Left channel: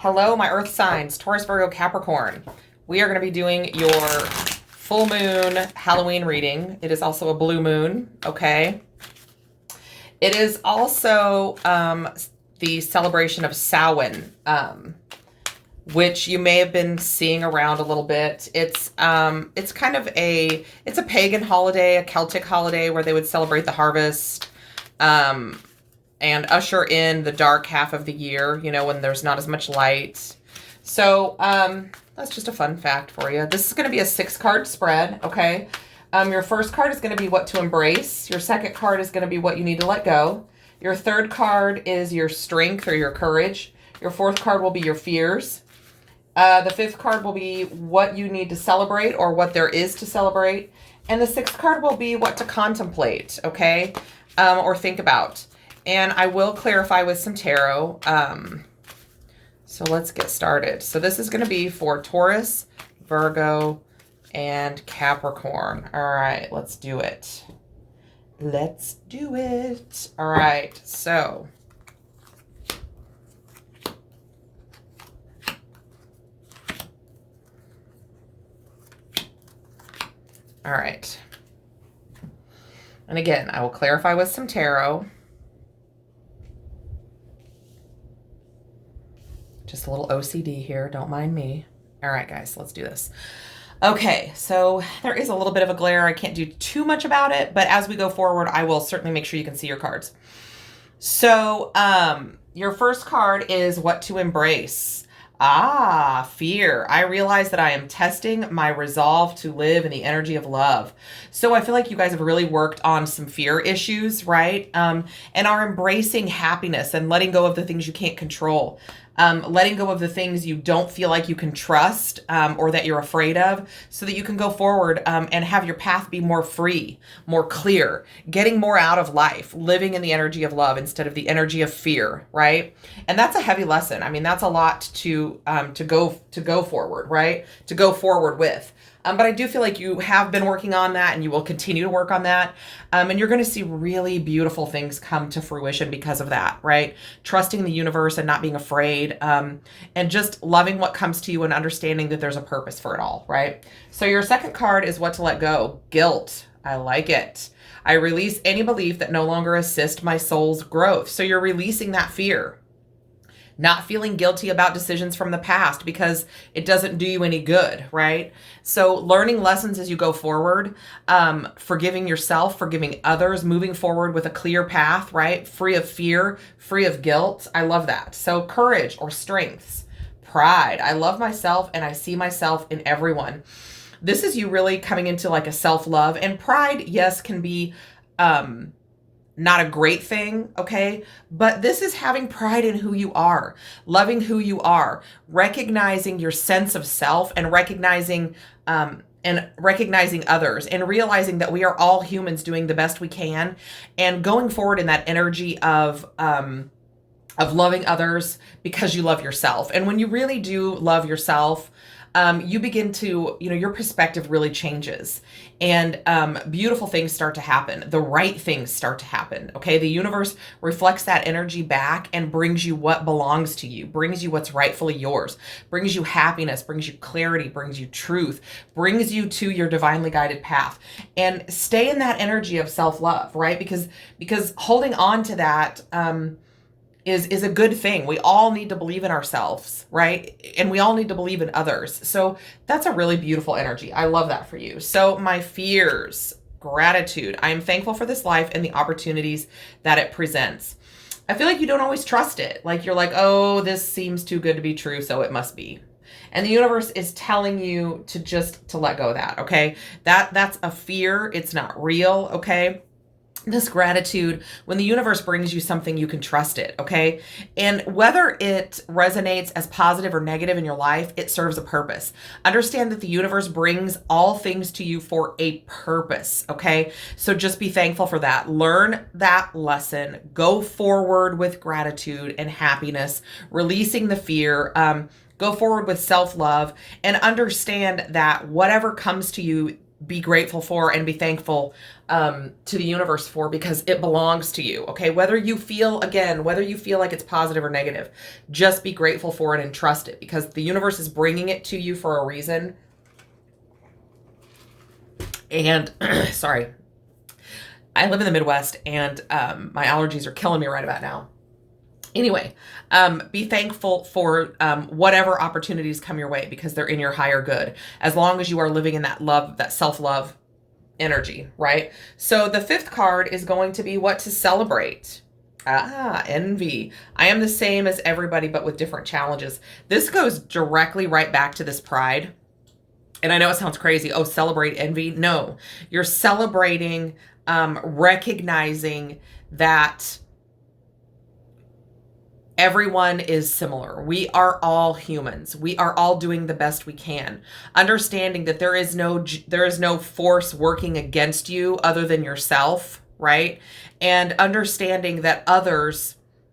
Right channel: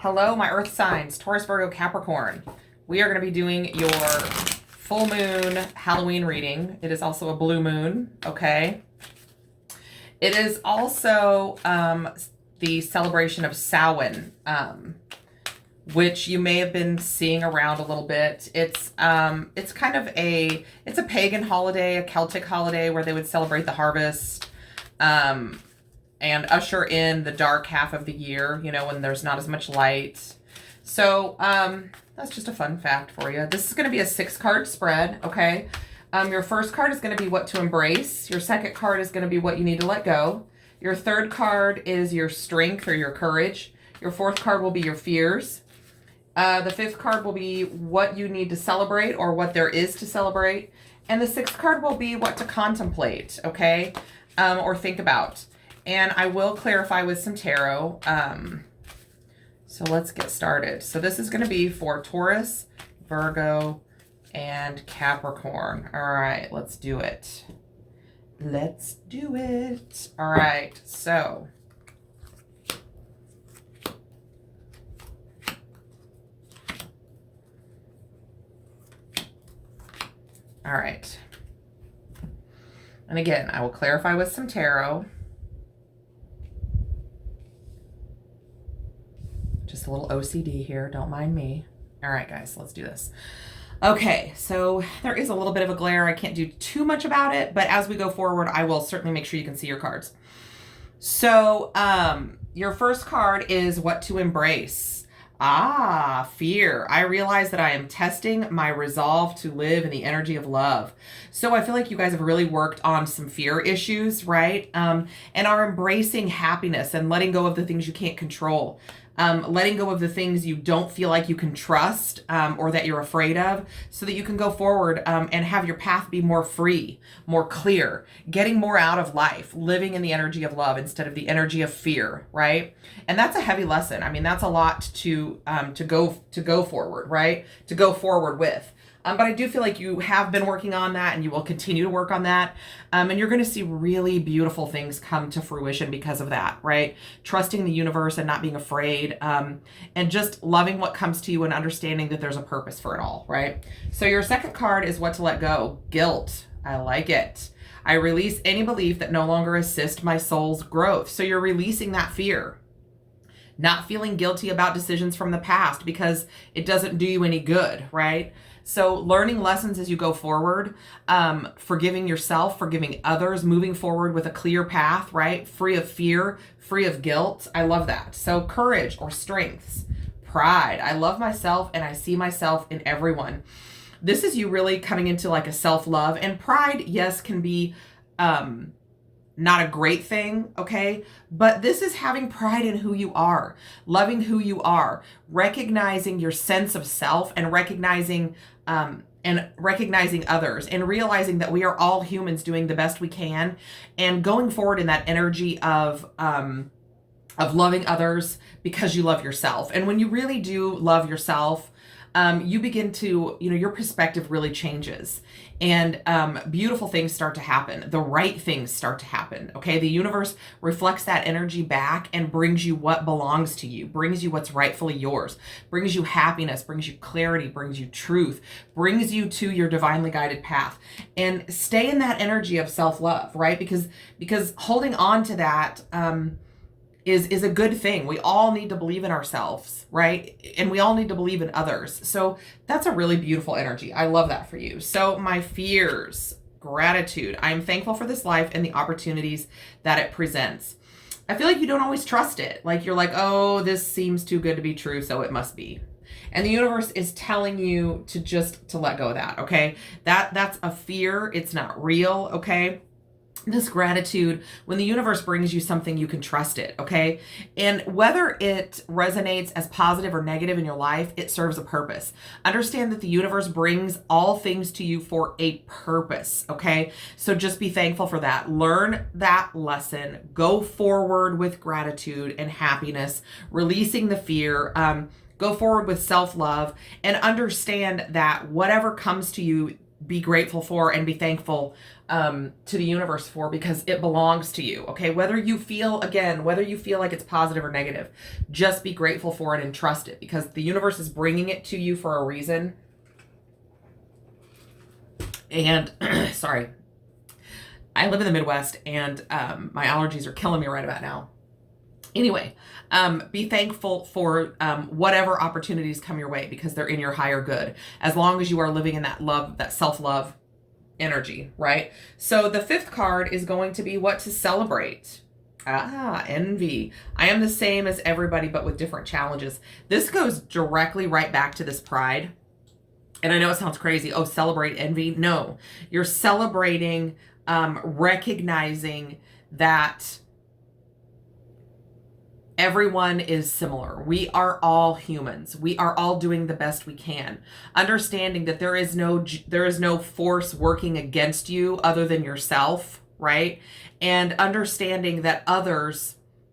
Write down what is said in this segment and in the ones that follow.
Hello, my earth signs, Taurus, Virgo, Capricorn. We are going to be doing your full moon Halloween reading. It is also a blue moon, okay? It is also the celebration of Samhain, which you may have been seeing around a little bit. It's kind of it's a pagan holiday, a Celtic holiday where they would celebrate the harvest. And usher in the dark half of the year, you know, when there's not as much light. So that's just a fun fact for you. This is going to be a 6-card spread, okay? Your first card is going to be what to embrace. Your second card is going to be what you need to let go. Your third card is your strength or your courage. Your fourth card will be your fears. The fifth card will be what you need to celebrate or what there is to celebrate. And the sixth card will be what to contemplate, okay? Or think about. And I will clarify with some tarot. So let's get started. So this is going to be for Taurus, Virgo, and Capricorn. All right, let's do it. Let's do it. All right, so. All right. And again, I will clarify with some tarot. Just a little OCD here, don't mind me. All right, guys, let's do this. Okay, so there is a little bit of a glare. I can't do too much about it, but as we go forward, I will certainly make sure you can see your cards. So your first card is what to embrace. Fear. I realize that I am testing my resolve to live in the energy of love. So I feel like you guys have really worked on some fear issues, right? And are embracing happiness and letting go of the things you can't control. Letting go of the things you don't feel like you can trust or that you're afraid of so that you can go forward and have your path be more free, more clear, getting more out of life, living in the energy of love instead of the energy of fear, right? And that's a heavy lesson. I mean, that's a lot to go forward, right? To go forward with. But I do feel like you have been working on that and you will continue to work on that. And you're going to see really beautiful things come to fruition because of that, right? Trusting the universe and not being afraid and just loving what comes to you and understanding that there's a purpose for it all, right? So your second card is what to let go. Guilt. I like it. I release any belief that no longer assists my soul's growth. So you're releasing that fear. Not feeling guilty about decisions from the past because it doesn't do you any good, right? So learning lessons as you go forward, forgiving yourself, forgiving others, moving forward with a clear path, right? Free of fear, free of guilt. I love that. So courage or strengths, pride. I love myself and I see myself in everyone. This is you really coming into like a self-love, and pride, yes, can be, not a great thing, okay? But this is having pride in who you are, loving who you are, recognizing your sense of self and recognizing others and realizing that we are all humans doing the best we can and going forward in that energy of loving others because you love yourself. And when you really do love yourself, you begin to, your perspective really changes and beautiful things start to happen. The right things start to happen. Okay. The universe reflects that energy back and brings you what belongs to you, brings you what's rightfully yours, brings you happiness, brings you clarity, brings you truth, brings you to your divinely guided path, and stay in that energy of self-love, right? Because holding on to that, is a good thing. We all need to believe in ourselves, right? And we all need to believe in others. So that's a really beautiful energy. I love that for you. So my fears, gratitude. I'm thankful for this life and the opportunities that it presents. I feel like you don't always trust it. Like you're like, oh, this seems too good to be true, so it must be. And the universe is telling you to let go of that, okay? That's a fear. It's not real, okay? This gratitude, when the universe brings you something, you can trust it, okay? And whether it resonates as positive or negative in your life, it serves a purpose. Understand that the universe brings all things to you for a purpose, okay? So just be thankful for that. Learn that lesson. Go forward with gratitude and happiness, releasing the fear. Go forward with self-love and understand that whatever comes to you, be grateful for and be thankful to the universe for, because it belongs to you. Okay. Whether you feel like it's positive or negative, just be grateful for it and trust it, because the universe is bringing it to you for a reason. And sorry, I live in the Midwest, and my allergies are killing me right about now. Anyway, be thankful for whatever opportunities come your way, because they're in your higher good, as long as you are living in that love, that self-love energy, right? So the fifth card is going to be what to celebrate. Envy. I am the same as everybody, but with different challenges. This goes directly right back to this pride. And I know it sounds crazy. Oh, celebrate envy. No, you're celebrating, recognizing that everyone is similar. We are all humans. We are all doing the best we can. Understanding that there is no force working against you other than yourself, right? And understanding that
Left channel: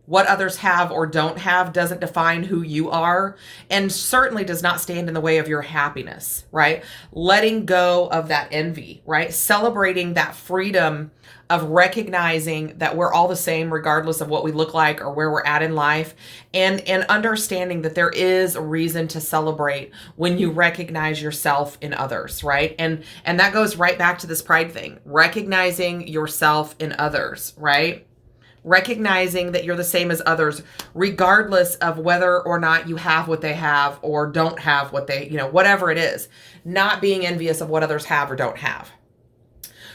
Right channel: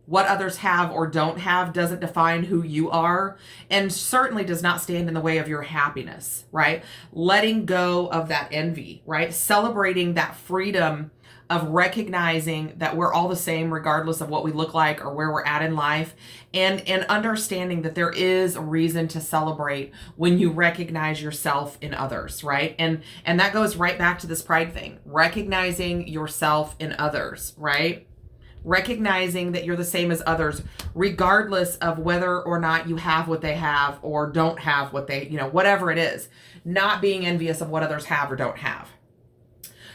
what others have or don't have doesn't define who you are, and certainly does not stand in the way of your happiness, right? Letting go of that envy, right? Celebrating that freedom of recognizing that we're all the same regardless of what we look like or where we're at in life, and understanding that there is a reason to celebrate when you recognize yourself in others, right? And that goes right back to this pride thing, recognizing yourself in others, right? Recognizing that you're the same as others, regardless of whether or not you have what they have or don't have what they, whatever it is, not being envious of what others have or don't have.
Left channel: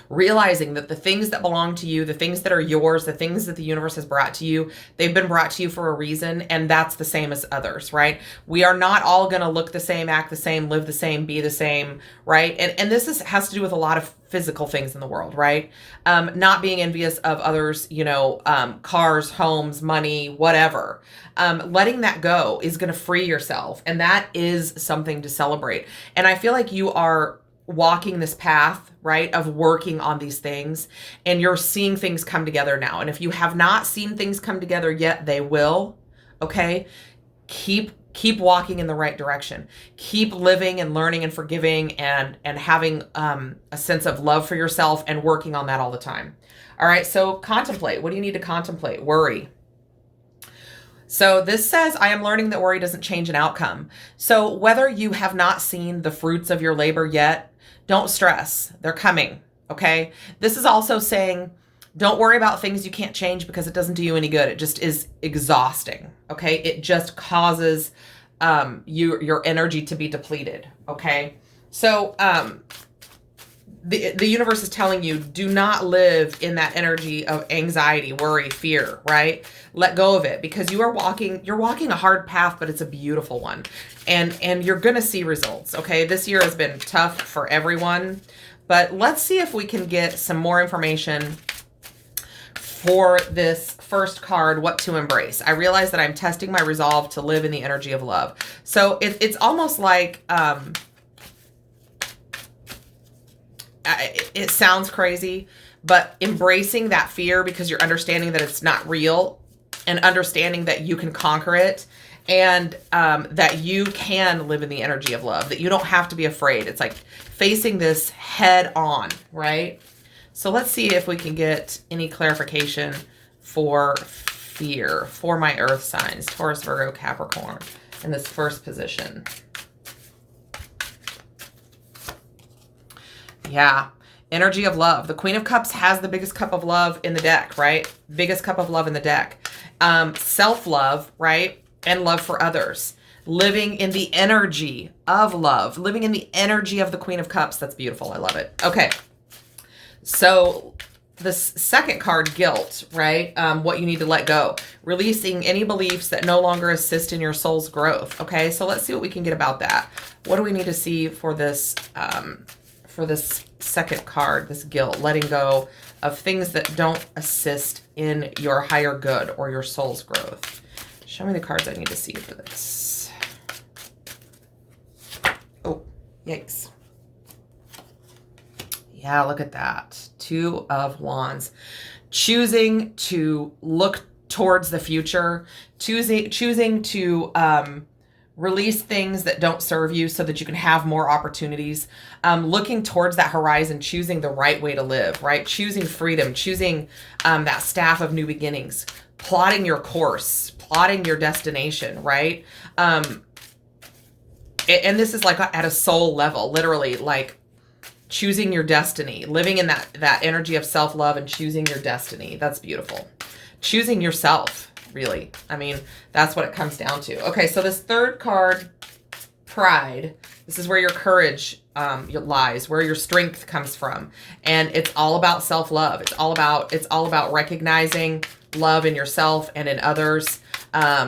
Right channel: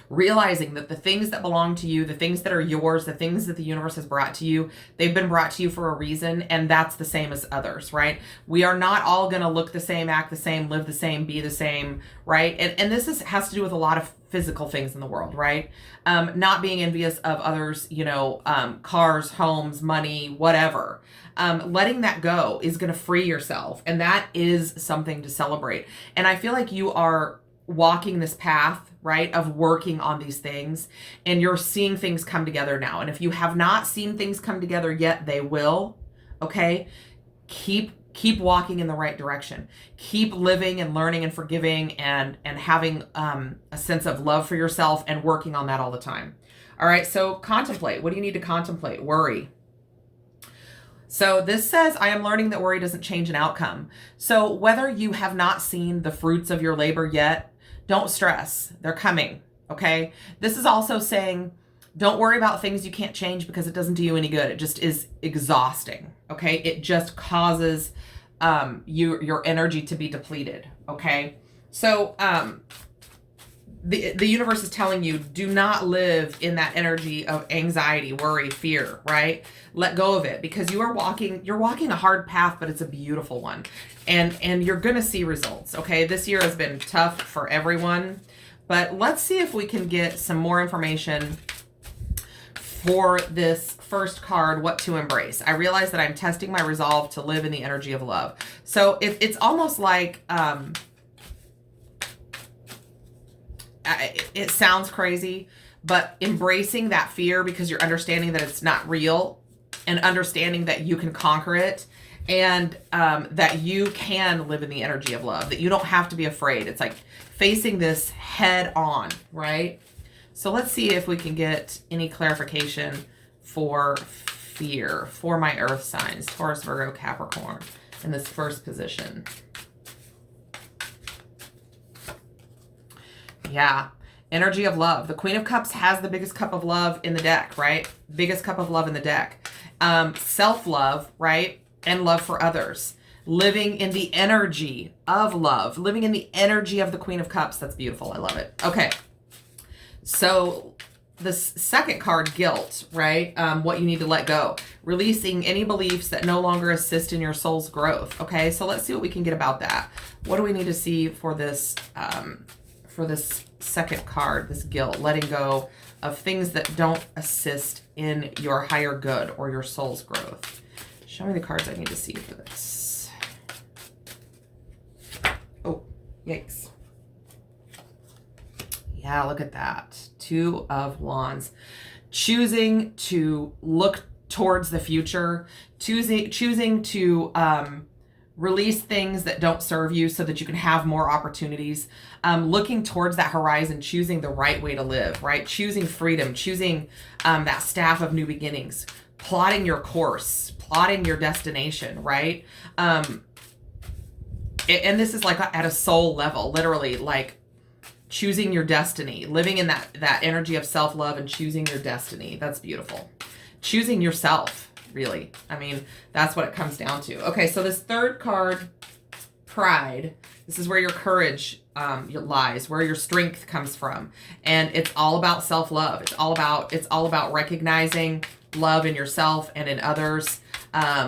Realizing that the things that belong to you, the things that are yours, the things that the universe has brought to you, they've been brought to you for a reason, and that's the same as others, right? We are not all going to look the same, act the same, live the same, be the same, right? And this has to do with a lot of physical things in the world, right? Not being envious of others, cars, homes, money, whatever. Letting that go is going to free yourself, and that is something to celebrate. And I feel like you are walking this path, right, of working on these things, and you're seeing things come together now. And if you have not seen things come together yet, they will. Okay, keep walking in the right direction. Keep living and learning and forgiving and having a sense of love for yourself, and working on that all the time. All right, so contemplate. What do you need to contemplate? Worry. So this says, I am learning that worry doesn't change an outcome. So whether you have not seen the fruits of your labor yet, don't stress. They're coming. Okay. This is also saying, don't worry about things you can't change, because it doesn't do you any good. It just is exhausting. Okay. It just causes your energy to be depleted. Okay. So the universe is telling you, do not live in that energy of anxiety, worry, fear, right? Let go of it, because you're walking a hard path, but it's a beautiful one. And you're going to see results. Okay. This year has been tough for everyone, but let's see if we can get some more information for this first card, what to embrace. I realize that I'm testing my resolve to live in the energy of love. So it's almost like, it sounds crazy, but embracing that fear, because you're understanding that it's not real, and understanding that you can conquer it, and that you can live in the energy of love, that you don't have to be afraid. It's like facing this head on, right? So let's see if we can get any clarification for fear for my earth signs, Taurus, Virgo, Capricorn, in this first position. Yeah. Energy of love. The Queen of Cups has the biggest cup of love in the deck, right? Biggest cup of love in the deck. Self-love, right? And love for others. Living in the energy of love. Living in the energy of the Queen of Cups. That's beautiful. I love it. Okay. So the second card, guilt, right? What you need to let go. Releasing any beliefs that no longer assist in your soul's growth. Okay. So let's see what we can get about that. What do we need to see for this, second card, this guilt, letting go of things that don't assist in your higher good or your soul's growth? Show me the cards I need to see for this. Oh, yikes. Yeah, look at that. Two of Wands. Choosing to look towards the future, choosing to Release things that don't serve you so that you can have more opportunities. Looking towards that horizon, choosing the right way to live, right? Choosing freedom, choosing that staff of new beginnings, plotting your course, plotting your destination, right? And this is like at a soul level, literally, like choosing your destiny, living in that energy of self-love and choosing your destiny. That's beautiful. Choosing yourself. Really. I mean, that's what it comes down to. Okay, so this third card, Pride, this is where your courage lies, where your strength comes from. And it's all about self-love. It's all about recognizing love in yourself and in others,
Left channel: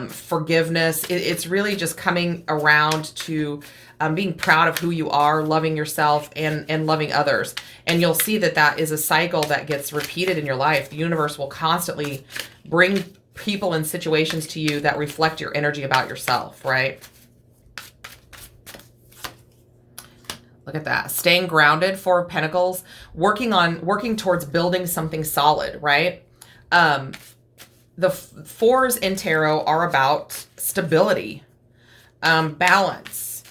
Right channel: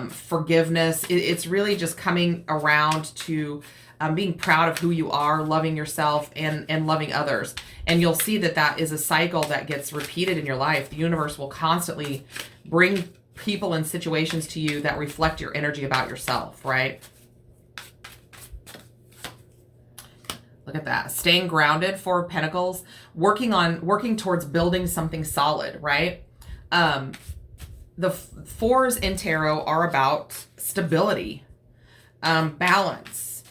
forgiveness. It's really just coming around to being proud of who you are, loving yourself and loving others. And you'll see that is a cycle that gets repeated in your life. The universe will constantly bring people and situations to you that reflect your energy about yourself, right? Look at that. Staying grounded, Four of Pentacles, working towards building something solid, right? The fours in tarot are about stability, balance.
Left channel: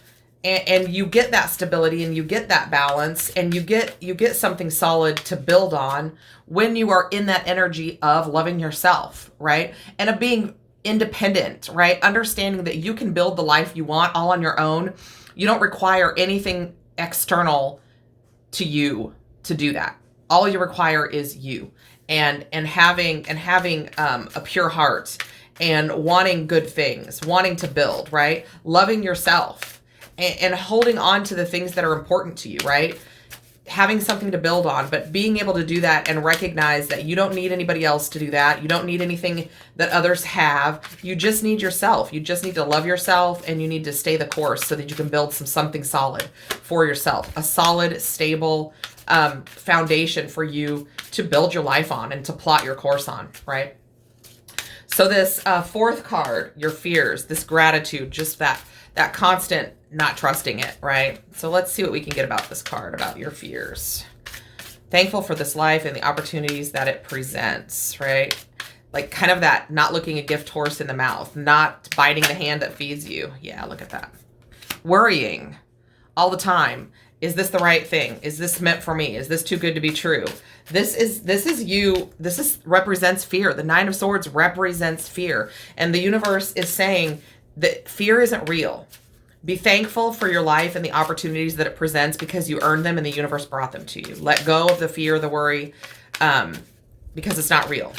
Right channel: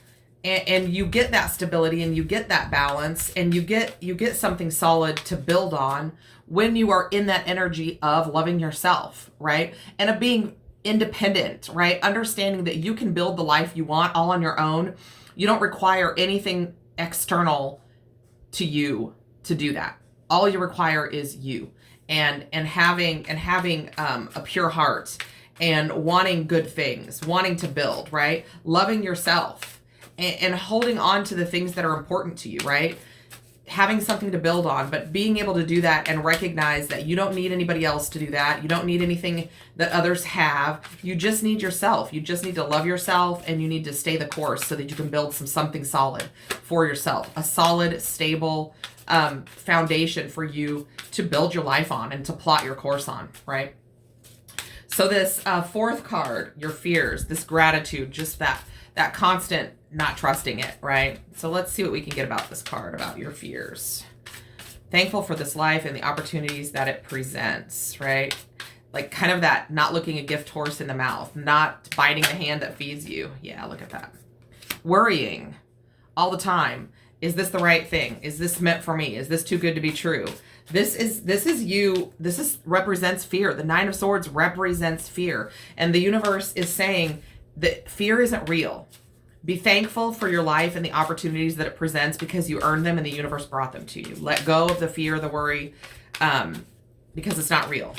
And you get that stability and you get that balance and you get something solid to build on when you are in that energy of loving yourself, right? And of being independent, right? Understanding that you can build the life you want all on your own. You don't require anything external to you to do that. All you require is you and having a pure heart and wanting good things, wanting to build, right? Loving yourself and holding on to the things that are important to you, right? Having something to build on, but being able to do that and recognize that you don't need anybody else to do that. You don't need anything that others have. You just need yourself. You just need to love yourself and you need to stay the course so that you can build something solid for yourself. A solid, stable foundation for you to build your life on and to plot your course on, right? So this fourth card, your fears, this gratitude, just that constant not trusting it, right? So let's see what we can get about this card, about your fears. Thankful for this life and the opportunities that it presents, right? Like kind of that not looking a gift horse in the mouth, not biting the hand that feeds you. Yeah, look at that. Worrying all the time. Is this the right thing? Is this meant for me? Is this too good to be true? This is you. This represents fear. The Nine of Swords represents fear. And the universe is saying that fear isn't real. Be thankful for your life and the opportunities that it presents because you earned them and the universe brought them to you. Let go of the fear, the worry, because it's not real.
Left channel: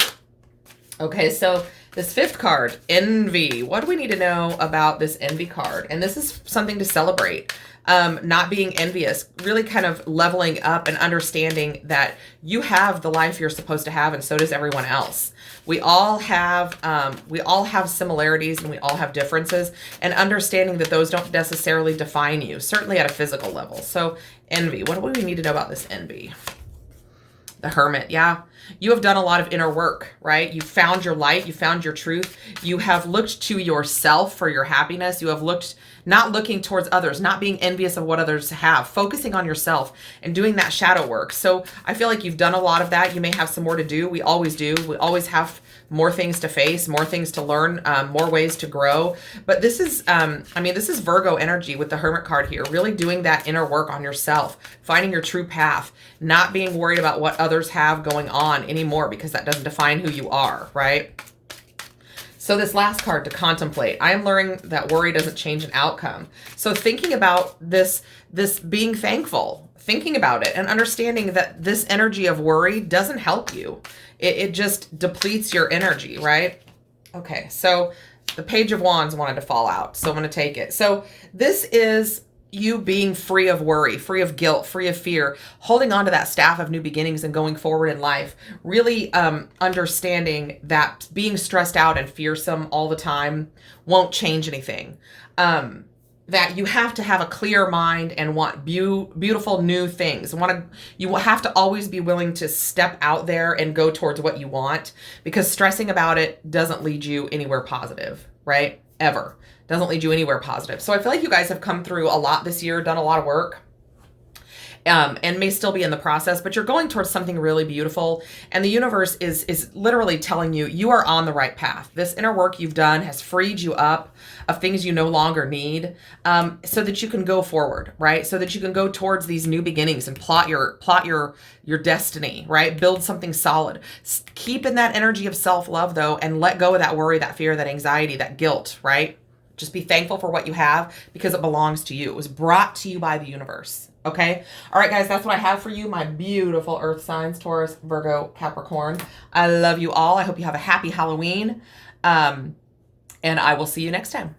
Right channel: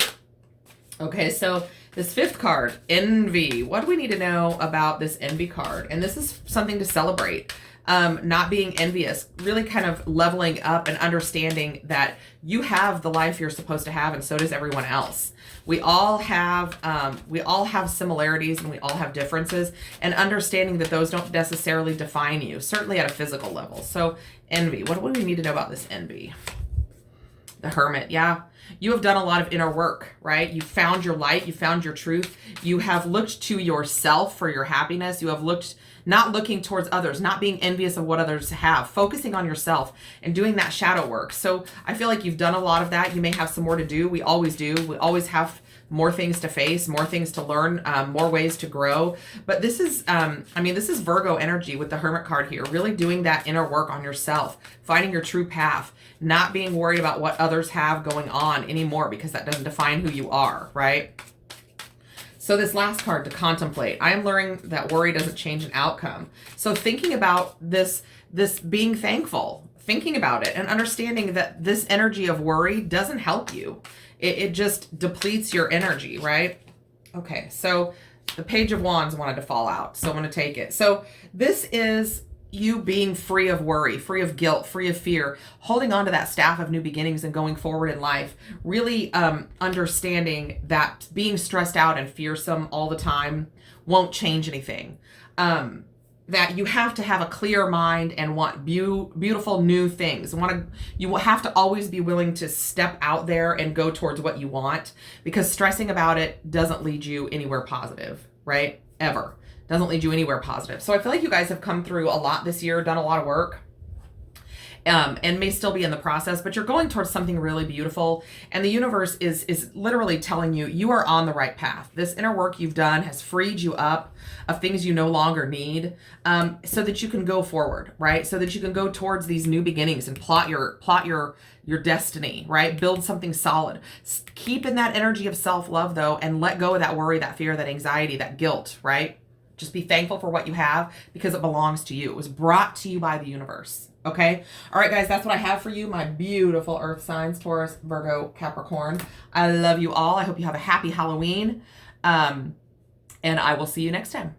Okay, so this fifth card, Envy. What do we need to know about this Envy card? And this is something to celebrate. Not being envious, really kind of leveling up and understanding that you have the life you're supposed to have and so does everyone else. We all have similarities and we all have differences, and understanding that those don't necessarily define you, certainly at a physical level. So envy, what do we need to know about this envy? The Hermit, yeah. You have done a lot of inner work, right? You found your light, you found your truth. You have looked to yourself for your happiness. You have not looking towards others, not being envious of what others have, focusing on yourself and doing that shadow work. So I feel like you've done a lot of that. You may have some more to do. We always do. We always have more things to face, more things to learn, more ways to grow. But this is, this is Virgo energy with the Hermit card here, really doing that inner work on yourself, finding your true path, not being worried about what others have going on anymore because that doesn't define who you are, right? So this last card, to contemplate. I am learning that worry doesn't change an outcome. So thinking about this being thankful, thinking about it and understanding that this energy of worry doesn't help you. It just depletes your energy, right? Okay, so the Page of Wands wanted to fall out, so I'm going to take it. So this is you being free of worry, free of guilt, free of fear, holding on to that staff of new beginnings and going forward in life, really understanding that being stressed out and fearsome all the time won't change anything. That you have to have a clear mind and want beautiful new things. You will have to always be willing to step out there and go towards what you want, because stressing about it doesn't lead you anywhere positive, right? Ever. Doesn't lead you anywhere positive. So I feel like you guys have come through a lot this year, done a lot of work. and may still be in the process, but you're going towards something really beautiful. And the universe is literally telling you, you are on the right path. This inner work you've done has freed you up of things you no longer need, so that you can go forward, right? So that you can go towards these new beginnings and plot your destiny, right? Build something solid. Keep in that energy of self-love though, and let go of that worry, that fear, that anxiety, that guilt, right? Just be thankful for what you have because it belongs to you. It was brought to you by the universe. Okay. All right, guys, that's what I have for you. My beautiful earth signs, Taurus, Virgo, Capricorn. I love you all. I hope you have a happy Halloween. And I will see you next time.